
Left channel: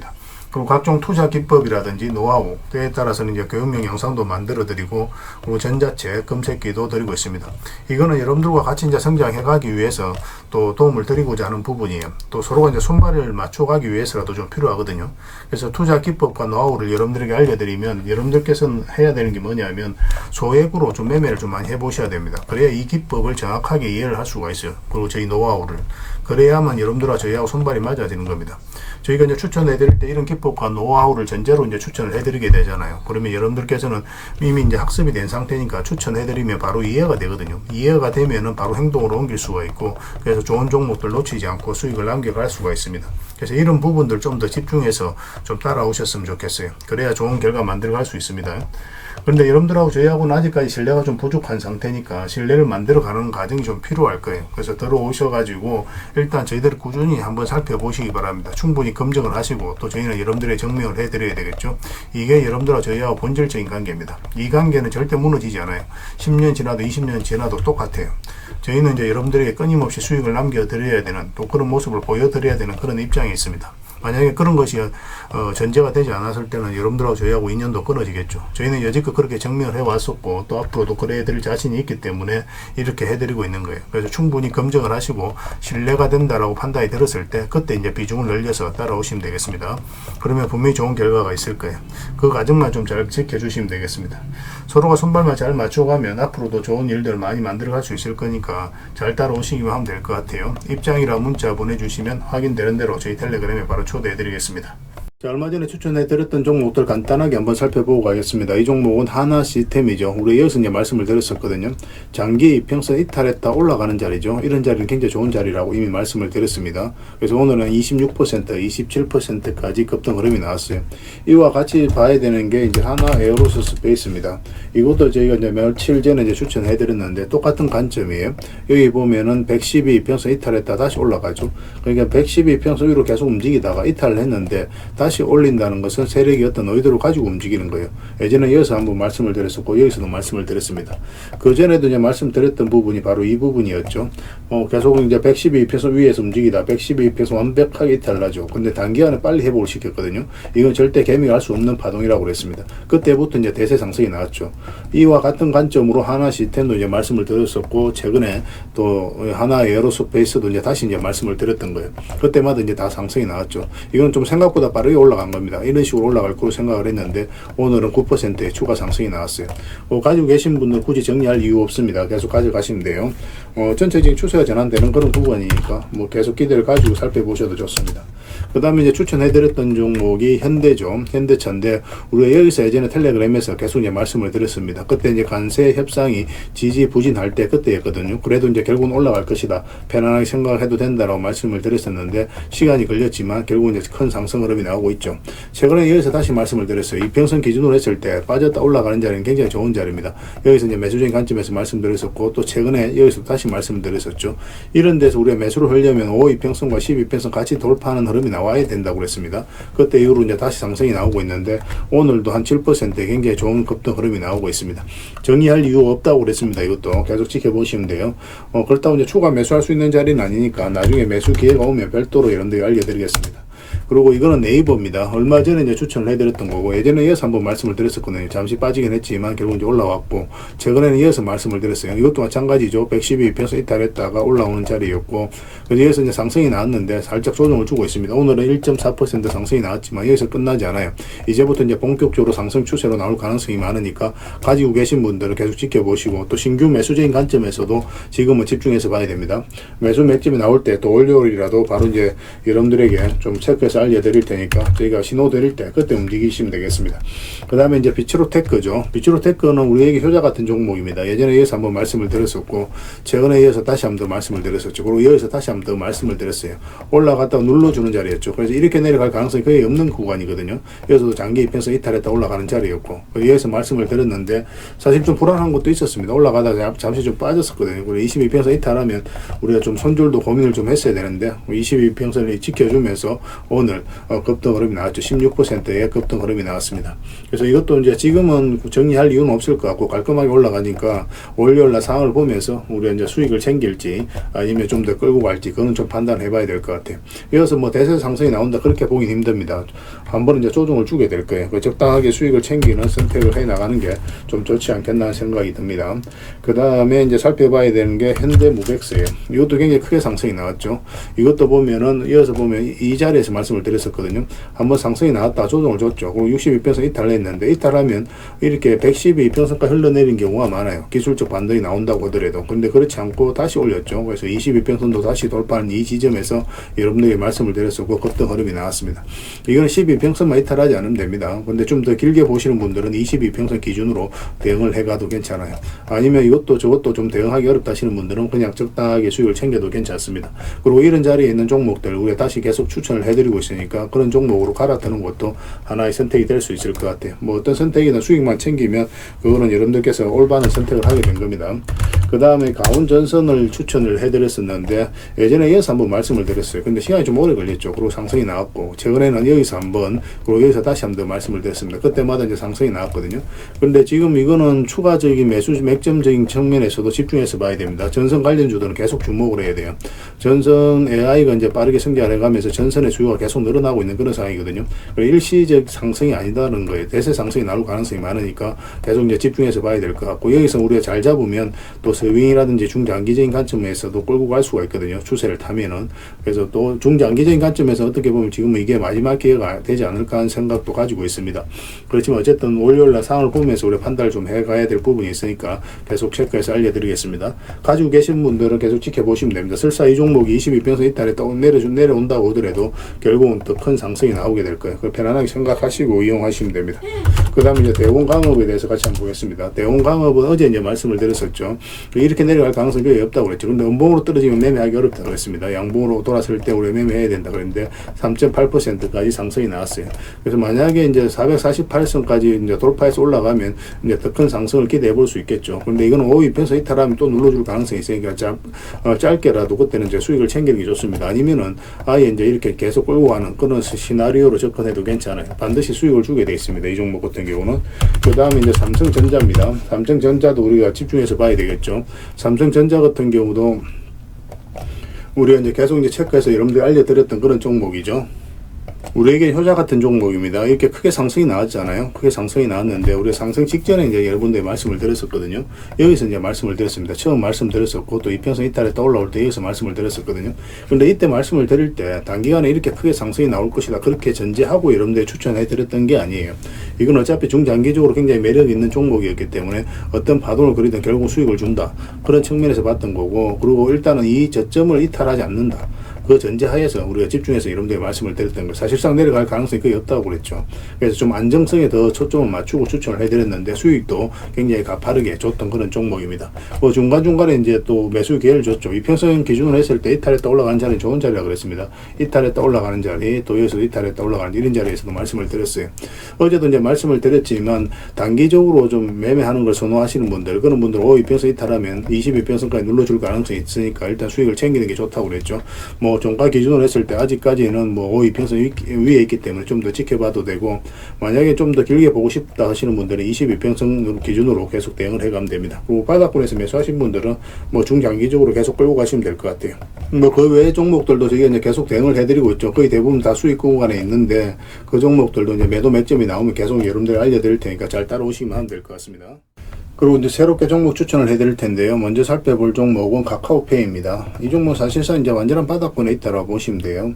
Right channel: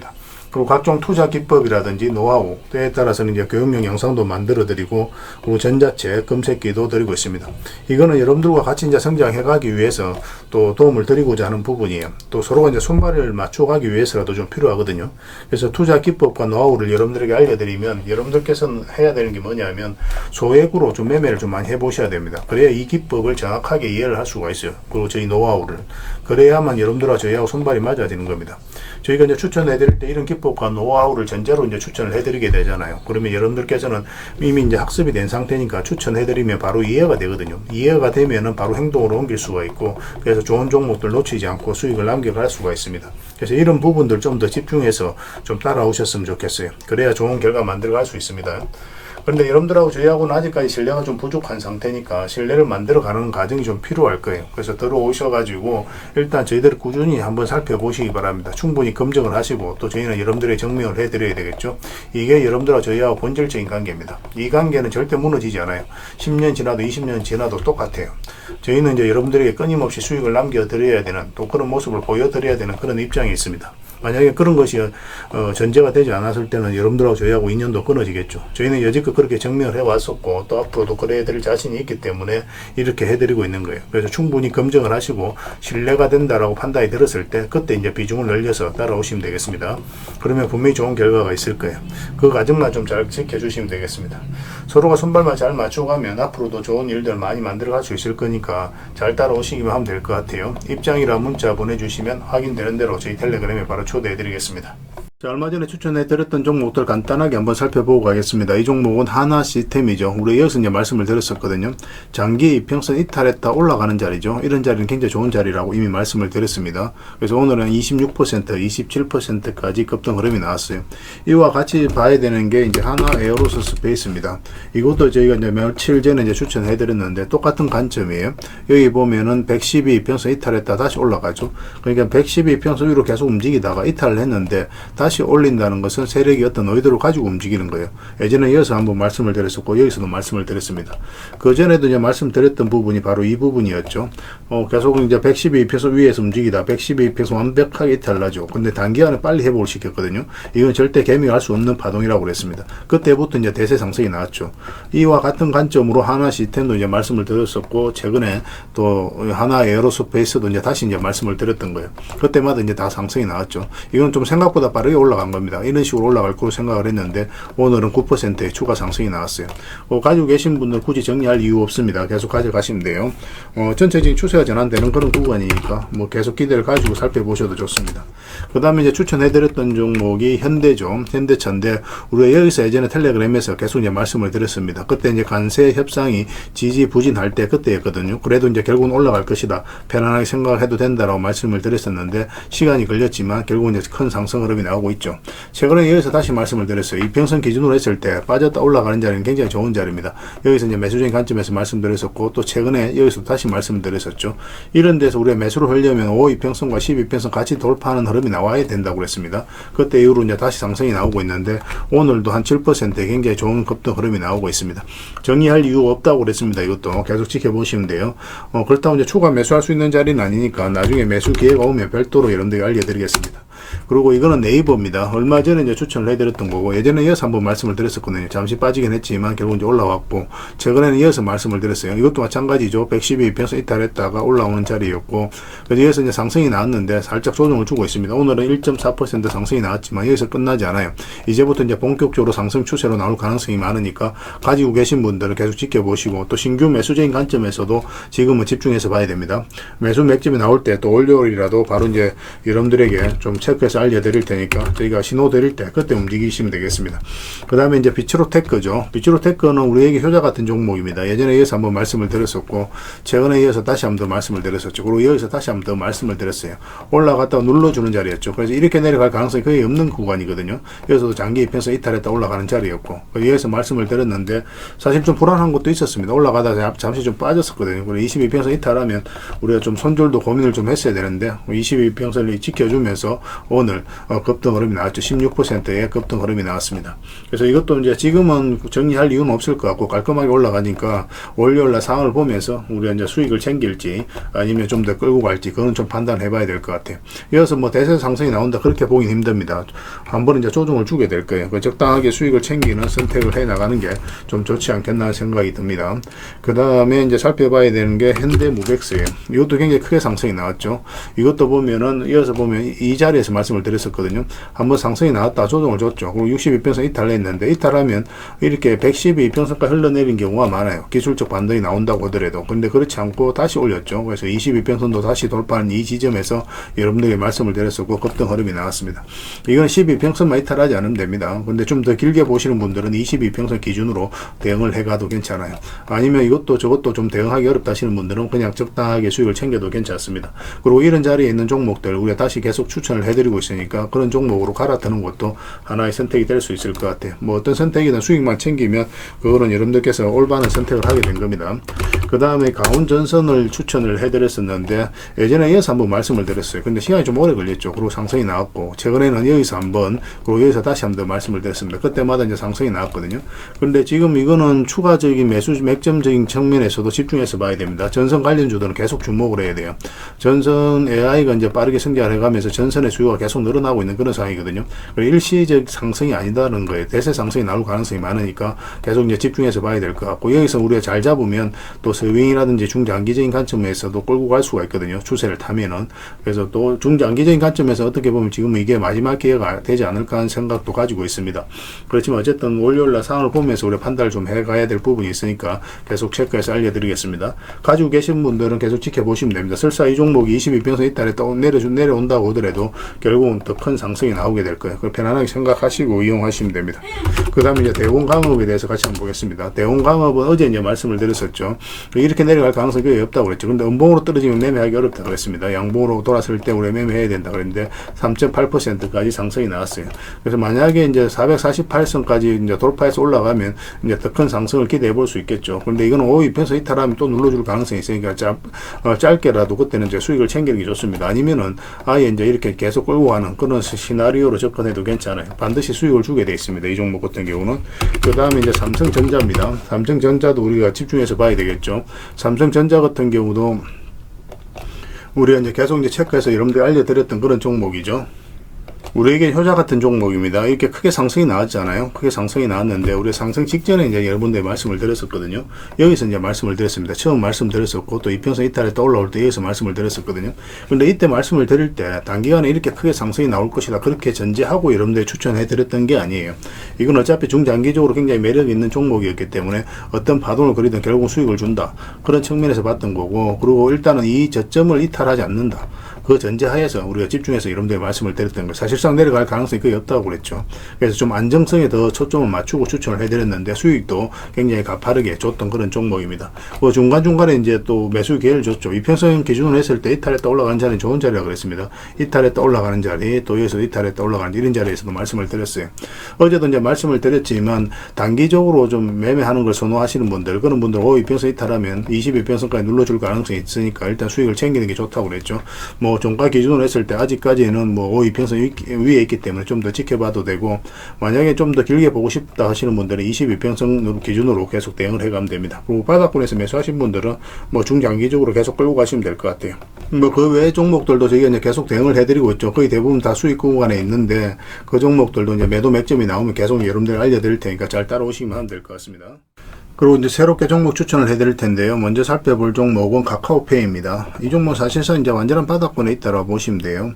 그리고 각종 투자 기법이라든지 노하우, 때에 따라서는 이제 교육용 영상도 만들어 드리고, 그리고 전자책, 검색기도 드리고 있습니다. 이거는 여러분들과 같이 이제 성장해 가기 위해서 또 도움을 드리고자 하는 부분이에요. 또 서로가 이제 손발을 맞춰 가기 위해서라도 좀 필요하거든요. 그래서 투자 기법과 노하우를 여러분들에게 알려드리면, 여러분들께서는 해야 되는 게 뭐냐면 소액으로 좀 매매를 좀 많이 해보셔야 됩니다. 그래야 이 기법을 정확하게 이해를 할 수가 있어요. 그리고 저희 노하우를. 그래야만 여러분들과 저희하고 손발이 맞아지는 겁니다. 저희가 이제 추천해드릴 때 이런 기법과 노하우를 전제로 이제 추천을 해드리게 되잖아요. 그러면 여러분들께서는 이미 이제 학습이 된 상태니까 추천해드리면 바로 이해가 되거든요. 이해가 되면은 바로 행동으로 옮길 수가 있고, 그래서 좋은 종목들 놓치지 않고 수익을 남겨갈 수가 있습니다. 그래서 이런 부분들 좀 더 집중해서 좀 따라오셨으면 좋겠어요. 그래야 좋은 결과 만들어갈 수 있습니다. 그런데 여러분들하고 저희하고는 아직까지 신뢰가 좀 부족한 상태니까 신뢰를 만들어가는 과정이 좀 필요할 거예요. 그래서 들어오셔가지고 일단 저희들을 꾸준히 한번 살펴보시기 바랍니다. 충분히 검증을 하시고, 또 저희는 여러분들의 증명을 해드려야 되겠죠. 이게 여러분들하고 저희하고 본질적인 관계입니다. 이 관계는 절대 무너지지 않아요. 10년 지나도 20년 지나도 똑같아요. 저희는 이제 여러분들에게 끊임없이 수익을 남겨드려야 되는, 또 그런 모습을 보여드려야 되는 그런 입장이 있습니다. 만약에 그런 것이 전제가 되지 않았을 때는 여러분들하고 저희하고 인연도 끊어지겠죠. 저희는 여지껏 그렇게 증명을 해왔었고, 또 앞으로도 그래 드릴 자신이 있기 때문에 이렇게 해드리고 있는 거예요. 그래서 충분히 검증을 하시고 신뢰가 된다라고 판단이 들었을 때 그때 이제 비중을 늘려서 따라오시면 되겠습니다. 그러면 분명히 좋은 결과가 있을 거예요. 그 과정만 좀 잘 지켜주시면 되겠습니다. 서로가 손발만 잘 맞춰가면 앞으로도 좋은 일들 많이 만들어갈 수 있을 거니까 잘 따라오시기만 하면 될 것 같아요. 입장이라 문자 보내주시면 확인되는 대로 저희 텔레그램에 바로 초대해드리겠습니다. 얼마 전에 추천해드렸던 종목들 간단하게 한번 살펴보고 가겠습니다. 이 종목은 하나 시스템이죠. 우리 여기서 이제 말씀을 드렸었거든요. 장기 이평선 이탈했다 올라가는 자리죠. 이런 자리는 굉장히 좋은 자리라고 이미 말씀을 드렸습니다. 그래서 오늘은 26%, 27%까지 급등 흐름이 나왔어요. 이와 같이 봐야 되는 게 이제 하나 에어로스페이스입니다. 이것도 저희가 이제 며칠 전에 이제 추천해드렸는데 똑같은 관점이에요. 여기 보면은 112 이평선 이탈했다 다시 올라가죠. 그러니까 112 이평선 위로 계속 움직이다가 이탈을 했는데 다시 올린다는 것은 세력이 어떤 의도를 가지고 움직이는 거예요. 예전에 이어서 한번 말씀을 드렸었고, 여기서도 말씀을 드렸습니다. 그 전에도 이제 말씀드렸던 부분이 바로 이 부분이었죠. 계속 이제 112페소 위에서 움직이다 112페소 완벽하게 이탈나죠. 근데 단기간에 빨리 회복을 시켰거든요. 이건 절대 개미할 수 없는 파동이라고 그랬습니다. 그때부터 이제 대세 상승이 나왔죠. 이와 같은 관점으로 하나 시스템도 이제 말씀을 드렸었고, 최근에 또 하나 에어로스페이스도 이제 다시 이제 말씀을 드렸던 거예요. 그때마다 이제 다 상승이 나왔죠. 이건 좀 생각보다 빠르게 올라간 겁니다. 이런 식으로 올라갈 거로 생각을 했는데 오늘은 9%의 추가 상승이 나왔어요. 가지고 계신 분들 굳이 정리할 이유 없습니다. 계속 가져가시면 돼요. 전체적인 추세가 전환되는 그런 구간이니까 계속 기대를 가지고 살펴보셔도 좋습니다. 그 다음에 이제 추천해드렸던 종목이 현대죠. 현대차인데 우리가 여기서 예전에 텔레그램에서 계속 이제 말씀을 드렸습니다. 그때 이제 관세 협상이 지지부진할 때 그때였거든요. 그래도 이제 결국은 올라갈 것이다. 편안하게 생각을 해도 된다라고 말씀을 드렸었는데 시간이 걸렸지만 결국은 이제 큰 상승 흐름이 나오고 있죠. 최근에 여기서 다시 말씀을 드렸어요. 이평선 기준으로 했을 때 빠졌다 올라가는 자리는 굉장히 좋은 자리입니다. 여기서 이제 매수적인 관점에서 말씀드렸었고, 또 최근에 여기서 다시 말씀드렸었죠. 이런 데서 우리가 매수를 하려면 5이평선과 12평선 같이 돌파하는 흐름이 나와야 된다고 그랬습니다. 그때 이후로 이제 다시 상승이 나오고 있는데 오늘도 한 7%의 굉장히 좋은 급등 흐름이 나오고 있습니다. 정의할 이유가 없다고 그랬습니다. 이것도 계속 지켜보시면 돼요. 그렇다고 이제 추가 매수할 수 있는 자리는 아니니까 나중에 매수 기회가 오면 별도로 여러분들에게 알려드리겠습니다. 그리고 이거는 네이버입니다. 얼마 전에 이제 추천을 해드렸던 거고, 예전에 이어서 한번 말씀을 드렸었거든요. 잠시 빠지긴 했지만 결국 이제 올라왔고, 최근에는 이어서 말씀을 드렸어요. 이것도 마찬가지죠. 112평선 이탈했다가 올라오는 자리였고, 그래서 여기서 이제 상승이 나왔는데 살짝 조정을 주고 있습니다. 오늘은 1.4% 상승이 나왔지만 여기서 끝나지 않아요. 이제부터 이제 본격적으로 상승 추세로 나올 가능성이 많으니까 가지고 계신 분들은 계속 지켜보시고, 또 신규 매수적인 관점에서도 지금은 집중해서 봐야 됩니다. 매수 맥집이 나올 때 또 월요일이라도 바로 이제 여러분들에게 좀 체크해서 알려드릴 테니까 저희가 신호 드릴 때 그때 움직이시면 되겠습니다. 그 다음에 이제 비츠로테크죠. 비츠로테크는 우리에게 효자 같은 종목입니다. 예전에 이어서 한번 말씀을 드렸었고, 최근에 이어서 다시 한번 더 말씀을 드렸었죠. 그리고 여기서 다시 한번 더 말씀을 드렸어요. 올라갔다가 눌러주는 자리였죠. 그래서 이렇게 내려갈 가능성이 거의 없는 구간이거든요. 여기서도 장기 입혀서 이탈했다 올라가는 자리였고, 여기서 말씀을 드렸는데 사실 좀 불안한 것도 있었습니다. 올라가다가 잠시 좀 빠졌었거든요. 그리고 22평선 이탈하면 우리가 좀 손절도 고민을 좀 했어야 되는데 22평선이 지켜주면서 오늘 급등 흐름이 나왔죠. 16%의 급등 흐름이 나왔습니다. 그래서 이것도 이제 지금은 정리할 이유는 없을 것 같고 깔끔하게 올라가니까 월요일날 상황을 보면서 우리가 이제 수익을 챙길지 아니면 좀 더 끌고 갈지 그건 좀 판단해 봐야 될 것 같아요. 이어서 뭐 대세 상승이 나온다 그렇게 보긴 힘듭니다. 한번 이제 조정을 주게 될 거예요. 적당하게 수익을 챙기는 선택을 해 나가는 게 좀 좋지 않겠나 생각이 듭니다. 그 다음에 이제 살펴봐야 되는 게 현대무백스예요. 이것도 굉장히 크게 상승이 나왔죠. 이것도 보면은 이어서 보면 이 자리에서 말씀을 드렸었거든요. 한번 상승이 나왔다 조정을 줬죠. 그럼 62평선 이탈했는데 이탈하면 이렇게 112평선까지 흘러내린 경우가 많아요. 기술적 반등이 나온다고 하더라도. 근데 그렇지 않고 다시 올렸죠. 그래서 22평선도 다시 돌파한 이 지점에서 여러분들에게 말씀을 드렸었고 급등 흐름이 나왔습니다. 이건 12평선만 이탈하지 않으면 됩니다. 근데 좀 더 길게 보시는 분들은 22평선 기준으로 대응을 해가도 괜찮아요. 아니면 이것도 저것도 좀 대응하기 어렵다 하시는 분들은 그냥 적당하게 수익을 챙겨도 괜찮습니다. 그리고 이런 자리에 있는 종목들 우리가 다시 계속 추천을 해드리고 있으니까 그런 종목으로 갈아타는 것도 하나의 선택이 될 수 있을 것 같아요. 뭐 어떤 선택이든 수익만 챙기면 그거는 여러분들께서 올바른 선택을 하게 된 겁니다. 그 다음에 강원전선을 추천을 해드렸었는데 예전에 이어서 한번 말씀을 드렸어요. 근데 시간이 좀 오래 걸렸죠. 그리고 상승이 나왔고 최근에는 여기서 한번 그리고 여기서 다시 한번 말씀을 드렸습니다. 그때마다 이제 상승이 나왔거든요. 그런데 지금 이거는 추가적인 매수 맥점적인 측면에서도 집중해서 봐야 됩니다. 전선 관련주들은 계속 주목을 해야 돼요. 전선 AI가 이제 빠르게 성장해가면서 전선의 수요가 계속 늘어나고 있는 그런 상황이거든요. 일시적 상승이 아니다는 거예요. 대세 상승이 나올 가능성이 많으니까 계속 이제 집중해서 봐야 될 것 같고 여기서 우리가 잘 잡으면 또 스윙이라든지 중장기적인 관점에서도 끌고 갈 수가 있거든요. 추세를 타면은. 그래서 또 중장기적인 관점에서 어떻게 보면 지금 이게 마지막 기회가 되지 않을까 하는 생각도 가지고 있습니다. 그렇지만 어쨌든 월요일날 상황을 보면서 우리가 판단을 좀 해가야 될 부분이 있으니까 계속 체크해서 알려드리겠습니다. 가지고 계신 분들은 계속 지켜보시면 됩니다. 설사 이 종목이 22평선 이탈에 또 내려온다고 하더라도 결국은 더 큰 상승이 나오게 될 거예요. 편안하게 생각하시고 이용하시면 됩니다. 그 다음에 이제 대원강업에 대해서 같이 한번 보겠습니다. 대원강업은 어제 이제 말씀을 드렸었죠. 이렇게 내려갈 가능성이 거의 없다고 그랬죠. 근데 음봉으로 떨어지면 매매하기 어렵다고 그랬습니다. 양봉으로 돌아설 때 우리 매매해야 된다 그랬는데 3.8%까지 상승이 나왔어요. 그래서 만약에 이제 448선까지 이제 돌파해서 올라가면 이제 더 큰 상승을 기대해 볼 수 있겠죠. 근데 이건 5위편서 이탈하면 또 눌러줄 가능성이 있으니까 짧게라도 그때는 이제 수익을 챙기는 게 좋습니다. 아니면은 아예 이제 이렇게 계속 끌고 가는 그런 시나리오로 접근해도 괜찮아요. 반드시 수익을 주게 돼 있습니다. 이 종목 같은 경우는. 그 다음에 이제 삼성전자입니다. 삼성전자도 우리가 집중해서 봐야 되겠죠. 삼성전자 같은 경우도 우리가 이제 계속 이제 체크해서 여러분들 알려드렸던 그런 종목이죠. 우리에게 효자 같은 종목입니다. 이렇게 크게 상승이 나왔잖아요. 크게 상승이 나왔는데 우리 상승 직전에 이제 여러분들 말씀을 드렸었거든요. 여기서 이제 말씀을 드렸습니다. 처음 말씀드렸었고 또 이평선 이탈에 또 올라올 때 여기서 말씀을 드렸었거든요. 근데 이때 말씀을 드릴 때 단기간에 이렇게 크게 상승이 나올 것이다 그렇게 전제하고 여러분들 추천해 드렸던 게 아니에요. 이건 어차피 중장기적으로 굉장히 매력 있는 종목이었기 때문에 어떤 파동을 그리든 결국 수익을 준다 그런 측면에서 봤던 거고, 그리고 일단은 이 저점을 이탈하지 않는다 그 전제하에서 우리가 집중해서 여러분들 말씀을 드렸던 거. 사실상 내려갈 가능성이 거의 없다고 그랬죠. 그래서 좀 안정성에 더 초점을 맞추고 추천을 해드렸는데 수익도 굉장히 가파르게 줬던 그런 종목입니다. 중간중간에 이제 또 매수 기회를 줬죠. 이평선 기준으로 했을 때 이탈했다 올라가는 자리는 좋은 자리라고 그랬습니다. 이탈했다 올라가는 자리, 또 여기서 이탈했다 올라가는 이런 자리에서도 말씀을 드렸어요. 어제도 이제 말씀을 드렸지만 단기적으로 좀 매매하는 걸 선호하시는 분들, 그런 분들은 이평선 이탈하면 22평선까지 눌러줄 가능성이 있으니까 일단 수익을 챙기는 게 좋다고 그랬죠. 종가 기준으로 했을 때 아직까지는 5위평선 위에 있기 때문에 좀 더 지켜봐도 되고, 만약에 좀 더 길게 보고 싶다 하시는 분들은 22평선 기준으로 계속 대응을 해가면 됩니다. 그리고 바닥권에서 매수하신 분들은 중장기적으로 계속 끌고 가시면 될 것 같아요. 그 외의 종목들도 저희가 이제 계속 대응을 해드리고 있죠. 거의 대부분 다 수익 구간에 있는데 그 종목들도 이제 매도 맥점이 나오면 계속 여러분들 알려드릴 테니까 잘 따라오시면 하면 될 것 같습니다. 그리고 이제 새롭게 종목 추천을 해드릴 텐데요. 먼저 살펴볼 종목은 카카오페이입니다. 이 종목 사실상 이제 완전한 바닥권에 있다라고 보시면 돼요.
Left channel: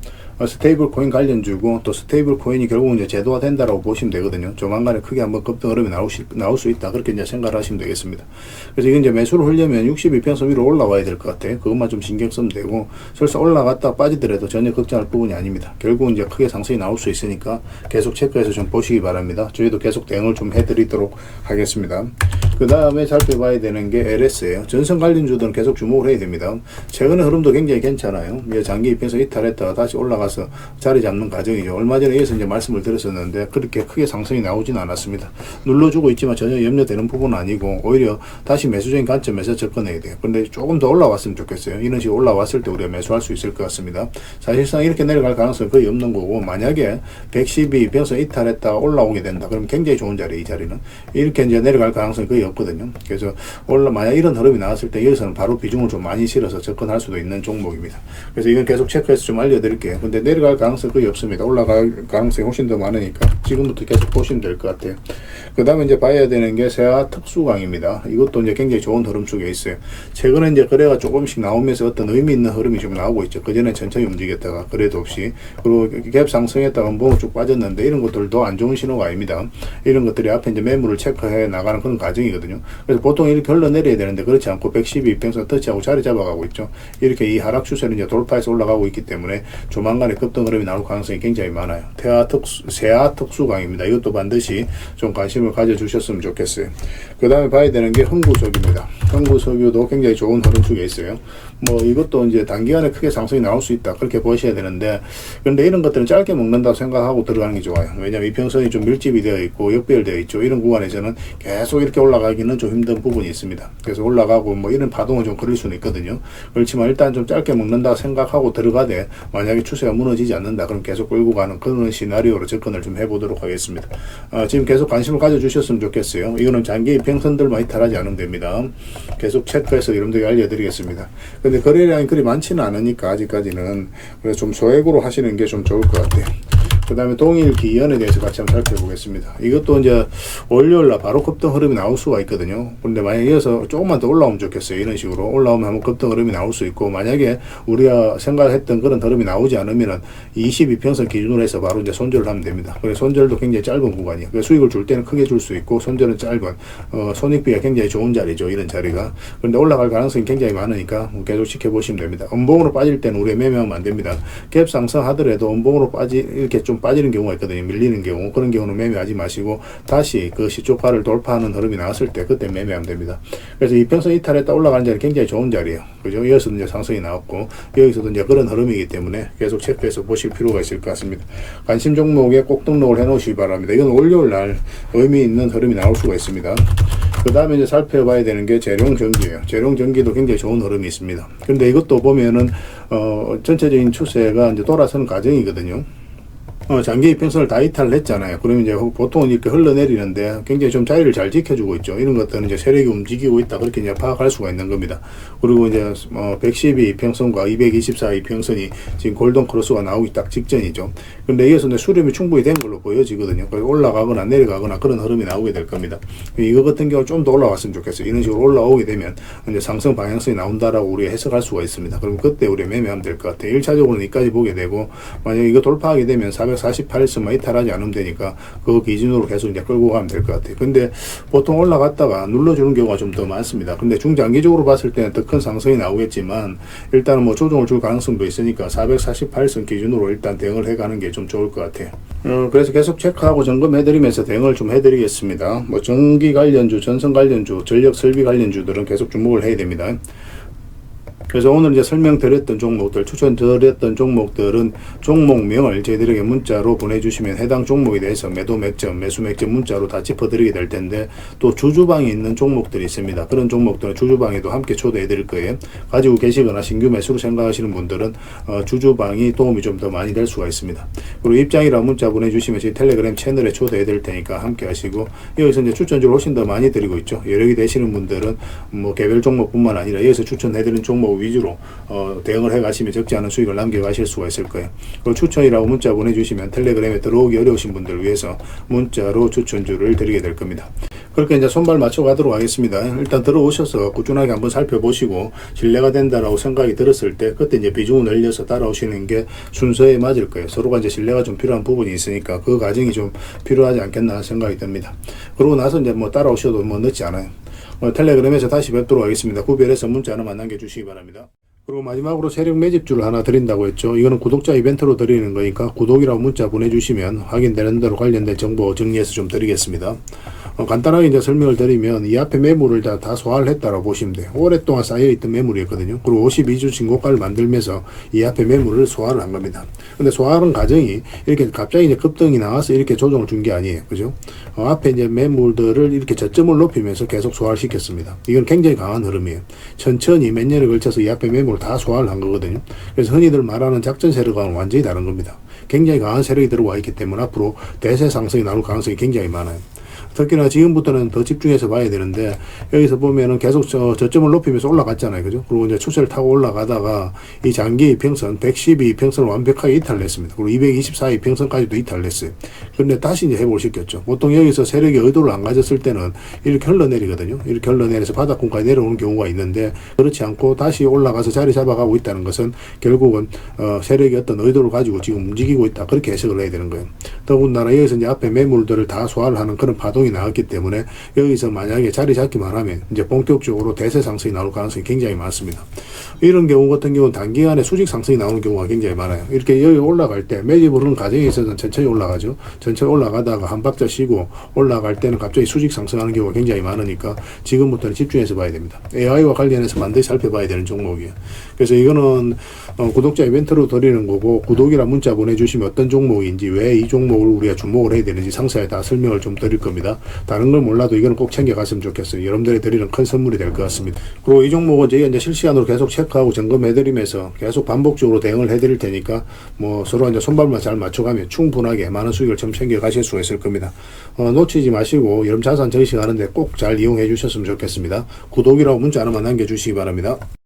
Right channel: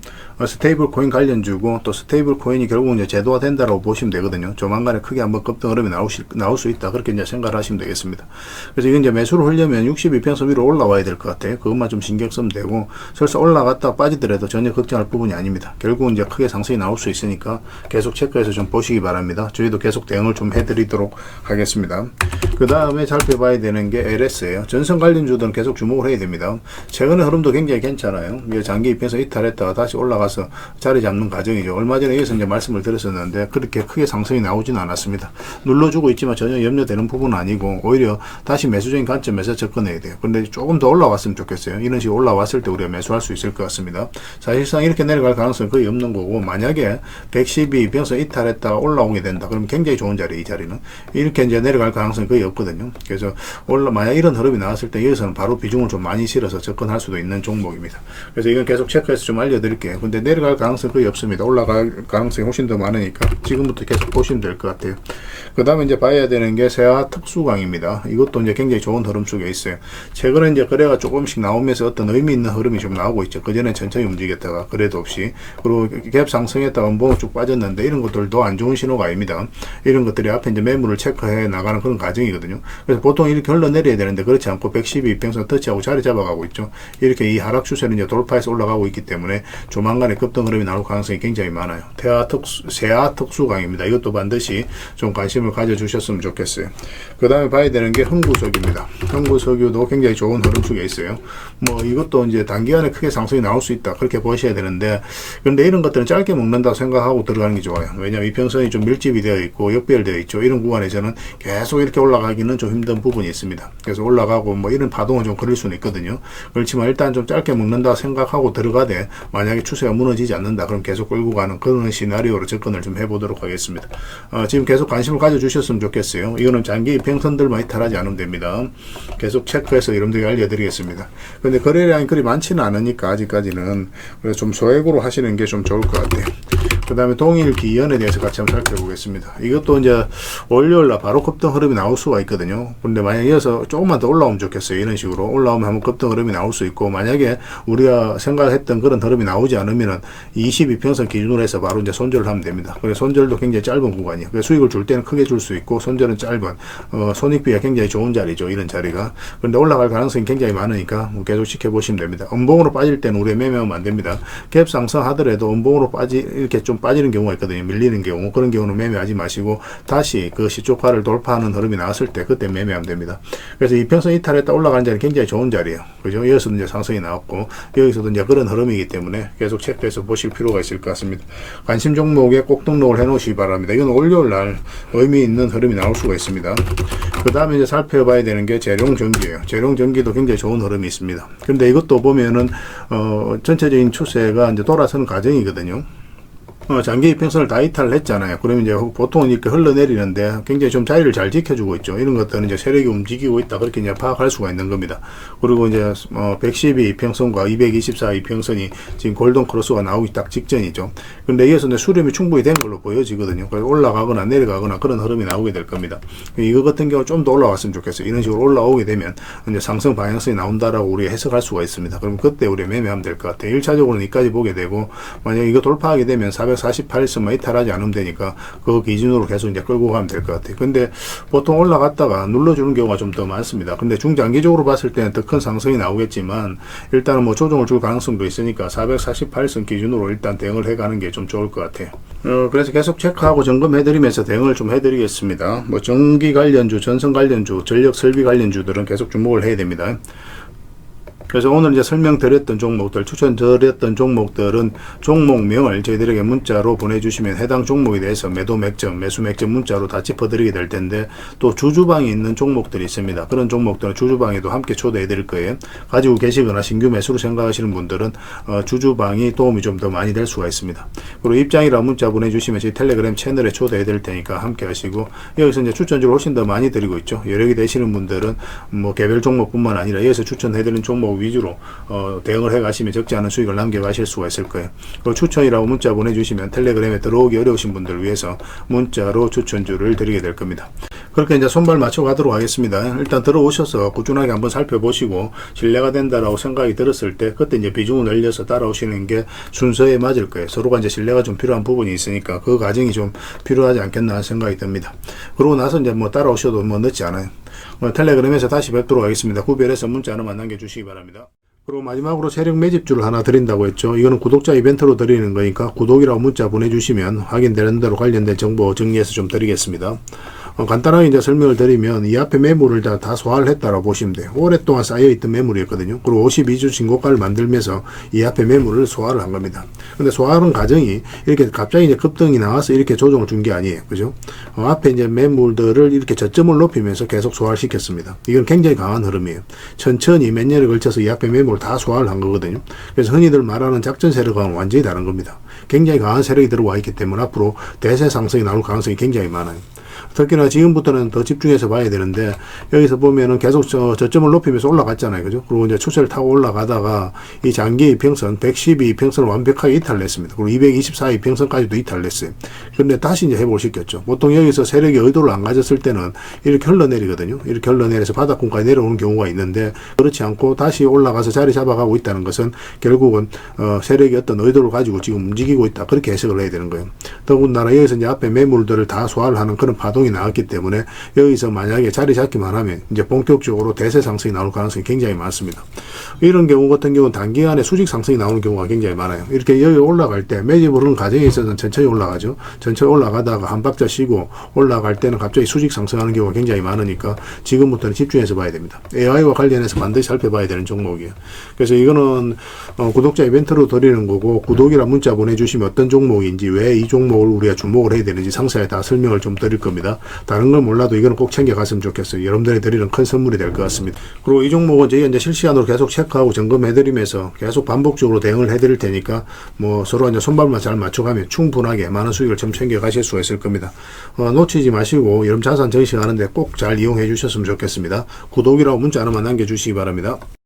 스테이블 코인 관련주고 또 스테이블 코인이 결국 이제 제도화 된다라고 보시면 되거든요. 조만간에 크게 한번 급등 흐름이 나올 수 있다 그렇게 이제 생각을 하시면 되겠습니다. 그래서 이건 이제 매수를 하려면 62평선 위로 올라와야 될 것 같아요. 그것만 좀 신경 쓰면 되고, 설사 올라갔다 빠지더라도 전혀 걱정할 부분이 아닙니다. 결국은 이제 크게 상승이 나올 수 있으니까 계속 체크해서 좀 보시기 바랍니다. 저희도 계속 대응을 좀 해드리도록 하겠습니다. 그 다음에 살펴봐야 되는 게 LS예요. 전선 관련주들은 계속 주목을 해야 됩니다. 최근의 흐름도 굉장히 괜찮아요. 장기 입에서 이탈했다가 다시 올라가서 자리 잡는 과정이죠. 얼마 전에 이어서 이제 말씀을 드렸었는데 그렇게 크게 상승이 나오진 않았습니다. 눌러주고 있지만 전혀 염려되는 부분은 아니고 오히려 다시 매수적인 관점에서 접근해야 돼요. 근데 조금 더 올라왔으면 좋겠어요. 이런 식으로 올라왔을 때 우리가 매수할 수 있을 것 같습니다. 사실상 이렇게 내려갈 가능성은 거의 없는 거고, 만약에 112 변서 이탈했다가 올라오게 된다. 그럼 굉장히 좋은 자리, 이 자리는. 이렇게 이제 내려갈 가능성이 거의 없거든요. 그래서 만약 이런 흐름이 나왔을 때 여기서는 바로 비중을 좀 많이 실어서 접근할 수도 있는 종목입니다. 그래서 이건 계속 체크해서 좀 알려드릴게요. 근데 내려갈 가능성이 거의 없습니다. 올라갈 가능성이 훨씬 더 많으니까 지금부터 계속 보시면 될 것 같아요. 그 다음에 이제 봐야 되는 게 세아 특수광입니다. 이것도 이제 굉장히 좋은 흐름 속에 있어요. 최근에 이제 거래가 조금씩 나오면서 어떤 의미 있는 흐름이 좀 나오고 있죠. 그전에 천천히 움직였다가 그래도 없이, 그리고 갭 상승했다가 음봉 쭉 빠졌는데 이런 것들도 안 좋은 신호가 아닙니다. 이런 것들이 앞에 이제 매물을 체크해 나가는 그런 과정이거든요. 그래서 보통 이렇게 흘러내려야 되는데 그렇지 않고 112 입평선 터치하고 자리 잡아가고 있죠. 이렇게 이 하락 추세는 이제 돌파해서 올라가고 있기 때문에 조만간에 급등 흐름이 나올 가능성이 굉장히 많아요. 세아 특수광입니다. 이것도 반드시 좀 관심을 가져주셨으면 좋겠어요. 그 다음에 봐야 되는 게 흥구석유입니다. 흥구석유도 굉장히 좋은 흐름 속에 있어요. 이것도 이제 단기간에 크게 상승이 나올 수 있다, 그렇게 보셔야 되는데, 그런데 이런 것들은 짧게 먹는다고 생각하고 들어가는 게 좋아요. 왜냐하면 이평선이 좀 밀집이 되어 있고 역별되어 있죠. 이런 구간에서는 계속 이렇게 올라가기는 좀 힘든 부분이 있습니다. 그래서 올라가고 이런 파동은 좀 그럴 수는 있거든요. 그렇지만 일단 좀 짧게 먹는다고 생각하고 들어가되, 만약에 추세가 무너지지 않는다, 그럼 계속 끌고 가는 그런 시나리오로 접근을 좀 해보도록 하겠습니다. 지금 계속 관심을 가져주셨으면 좋겠어요. 이거는 장기 이평선들만 이탈하지 않으면 됩니다. 계속 체크해서 여러분들에게 알려드리겠습니다. 근데 거래량이 그리 많지는 않으니까 아직까지는, 그래서 좀 소액으로 하시는 게 좀 좋을 것 같아요. 그 다음에 동일 기연에 대해서 같이 한번 살펴보겠습니다. 이것도 이제 월요일날 바로 급등 흐름이 나올 수가 있거든요. 근데 만약에 이어서 조금만 더 올라오면 좋겠어요. 이런 식으로 올라오면 한번 급등 흐름이 나올 수 있고, 만약에 우리가 생각했던 그런 흐름이 나오지 않으면은 22평선 기준으로 해서 바로 이제 손절을 하면 됩니다. 그래서 손절도 굉장히 짧은 구간이에요. 그래서 수익을 줄 때는 크게 줄 수 있고, 손절은 짧은, 손익비가 굉장히 좋은 자리죠. 이런 자리가. 그런데 올라갈 가능성이 굉장히 많으니까 계속 지켜보시면 됩니다. 음봉으로 빠질 때는 우리가 매매하면 안 됩니다. 갭 상승하더라도 음봉으로 이렇게 좀 빠지는 경우가 있거든요. 밀리는 경우. 그런 경우는 매매하지 마시고 다시 그 시초가를 돌파하는 흐름이 나왔을 때 그때 매매하면 됩니다. 그래서 이평선 이탈했다 올라가는 자리 굉장히 좋은 자리예요. 그죠? 여기서도 이제 상승이 나왔고 여기서도 이제 그런 흐름이기 때문에 계속 체크해서 보실 필요가 있을 것 같습니다. 관심 종목에 꼭 등록을 해 놓으시기 바랍니다. 이건 월요일 날 의미 있는 흐름이 나올 수가 있습니다. 그 다음에 이제 살펴봐야 되는 게 재룡전기예요. 재룡전기도 굉장히 좋은 흐름이 있습니다. 그런데 이것도 보면은 전체적인 추세가 이제 돌아서는 과정이거든요. 장기 이평선을 다 이탈을 했잖아요. 그러면 이제 보통은 이렇게 흘러내리는데 굉장히 좀 자리를 잘 지켜주고 있죠. 이런 것들은 이제 세력이 움직이고 있다, 그렇게 이제 파악할 수가 있는 겁니다. 그리고 이제 112 이평선과 224 이평선이 지금 골든 크로스가 나오기 딱 직전이죠. 그런데 여기서 이제 수렴이 충분히 된 걸로 보여지거든요. 그래서 올라가거나 내려가거나 그런 흐름이 나오게 될 겁니다. 이거 같은 경우 좀 더 올라왔으면 좋겠어요. 이런 식으로 올라오게 되면 이제 상승 방향성이 나온다라고 우리가 해석할 수가 있습니다. 그럼 그때 우리가 매매하면 될 것 같아요. 1차적으로는 이까지 보게 되고, 만약에 이거 돌파하게 되면 448선만 이탈하지 않으면 되니까 그 기준으로 계속 이제 끌고 가면 될 것 같아요. 근데 보통 올라갔다가 눌러주는 경우가 좀 더 많습니다. 근데 중장기적으로 봤을 때는 더 큰 상승이 나오겠지만, 일단은 뭐 조정을 줄 가능성도 있으니까 448선 기준으로 일단 대응을 해가는 게 좀 좋을 것 같아요. 그래서 계속 체크하고 점검해드리면서 대응을 좀 해드리겠습니다. 뭐 전기 관련주, 전선 관련주, 전력 설비 관련주들은 계속 주목을 해야 됩니다. 그래서 오늘 이제 설명드렸던 종목들, 추천드렸던 종목들은 종목명을 저희들에게 문자로 보내주시면 해당 종목에 대해서 매도 맥점, 매수 맥점 문자로 다 짚어드리게 될 텐데, 또 주주방에 있는 종목들이 있습니다. 그런 종목들은 주주방에도 함께 초대해 드릴 거예요. 가지고 계시거나 신규 매수로 생각하시는 분들은 주주방이 도움이 좀 더 많이 될 수가 있습니다. 그리고 입장이라 문자 보내주시면 저희 텔레그램 채널에 초대해 드릴 테니까 함께 하시고, 여기서 이제 추천주를 훨씬 더 많이 드리고 있죠. 여력이 되시는 분들은 뭐 개별 종목뿐만 아니라 여기서 추천해 드리는 종목 위주로 대응을 해 가시면 적지 않은 수익을 남겨 가실 수가 있을 거예요. 그리고 추천이라고 문자 보내주시면 텔레그램에 들어오기 어려우신 분들을 위해서 문자로 추천주를 드리게 될 겁니다. 그렇게 이제 손발 맞춰 가도록 하겠습니다. 일단 들어오셔서 꾸준하게 한번 살펴보시고 신뢰가 된다라고 생각이 들었을 때 그때 이제 비중을 늘려서 따라오시는 게 순서에 맞을 거예요. 서로가 이제 신뢰가 좀 필요한 부분이 있으니까 그 과정이 좀 필요하지 않겠나 생각이 듭니다. 그러고 나서 이제 뭐 따라오셔도 뭐 늦지 않아요. 텔레그램에서 다시 뵙도록 하겠습니다. 구별해서 문자 하나만 남겨주시기 바랍니다. 그리고 마지막으로 세력 매집주를 하나 드린다고 했죠. 이거는 구독자 이벤트로 드리는 거니까 구독이라고 문자 보내주시면 확인되는 대로 관련된 정보 정리해서 좀 드리겠습니다. 간단하게 이제 설명을 드리면 이 앞에 매물을 다 소화를 했다고 보시면 돼요. 오랫동안 쌓여있던 매물이었거든요. 그리고 52주 신고가를 만들면서 이 앞에 매물을 소화를 한 겁니다. 근데 소화하는 과정이 이렇게 갑자기 이제 급등이 나와서 이렇게 조정을 준 게 아니에요. 그죠? 앞에 이제 매물들을 이렇게 저점을 높이면서 계속 소화를 시켰습니다. 이건 굉장히 강한 흐름이에요. 천천히 몇 년에 걸쳐서 이 앞에 매물을 다 소화를 한 거거든요. 그래서 흔히들 말하는 작전 세력과는 완전히 다른 겁니다. 굉장히 강한 세력이 들어와 있기 때문에 앞으로 대세 상승이 나올 가능성이 굉장히 많아요. 특히나 지금부터는 더 집중해서 봐야 되는데 여기서 보면은 계속 저점을 높이면서 올라갔잖아요. 그죠? 그리고 이제 추세를 타고 올라가다가 이 장기 이평선 112 이평선을 완벽하게 이탈냈습니다. 그리고 224 이평선까지도 이탈냈어요. 그런데 다시 이제 회복을 시켰죠. 보통 여기서 세력이 의도를 안 가졌을 때는 이렇게 흘러내리거든요. 이렇게 흘러내려서 바닥권까지 내려오는 경우가 있는데 그렇지 않고 다시 올라가서 자리 잡아가고 있다는 것은 결국은 세력이 어떤 의도를 가지고 지금 움직이고 있다. 그렇게 해석을 해야 되는 거예요. 더군다나 여기서 이제 앞에 매물들을 다 소화를 하는 그런 파동이 나왔기 때문에 여기서 만약에 자리 잡기만 하면 이제 본격적으로 대세 상승이 나올 가능성이 굉장히 많습니다. 이런 경우 같은 경우는 단기간에 수직 상승이 나오는 경우가 굉장히 많아요. 이렇게 여기 올라갈 때 매집을 하는 과정에 있어서는 천천히 올라가죠. 천천히 올라가다가 한 박자 쉬고 올라갈 때는 갑자기 수직 상승하는 경우가 굉장히 많으니까 지금부터는 집중해서 봐야 됩니다. AI와 관련해서 반드시 살펴봐야 되는 종목이에요. 그래서 이거는 구독자 이벤트로 드리는 거고 구독이란 문자 보내주시면 어떤 종목인지 왜 이 종목을 우리가 주목을 해야 되는지 상세히 다 설명을 좀 드릴 겁니다. 다른 걸 몰라도 이거는 꼭 챙겨갔으면 좋겠어요. 여러분들이 드리는 큰 선물이 될 것 같습니다. 그리고 이 종목은 저희가 이제 실시간으로 계속 체크하고 점검해드리면서 계속 반복적으로 대응을 해드릴 테니까 뭐 서로 이제 손발만 잘 맞춰가면 충분하게 많은 수익을 좀 챙겨가실 수가 있을 겁니다. 놓치지 마시고 여러분 자산 정식하는데 꼭 잘 이용해 주셨으면 좋겠습니다. 구독이라고 문자 하나만 남겨주시기 바랍니다.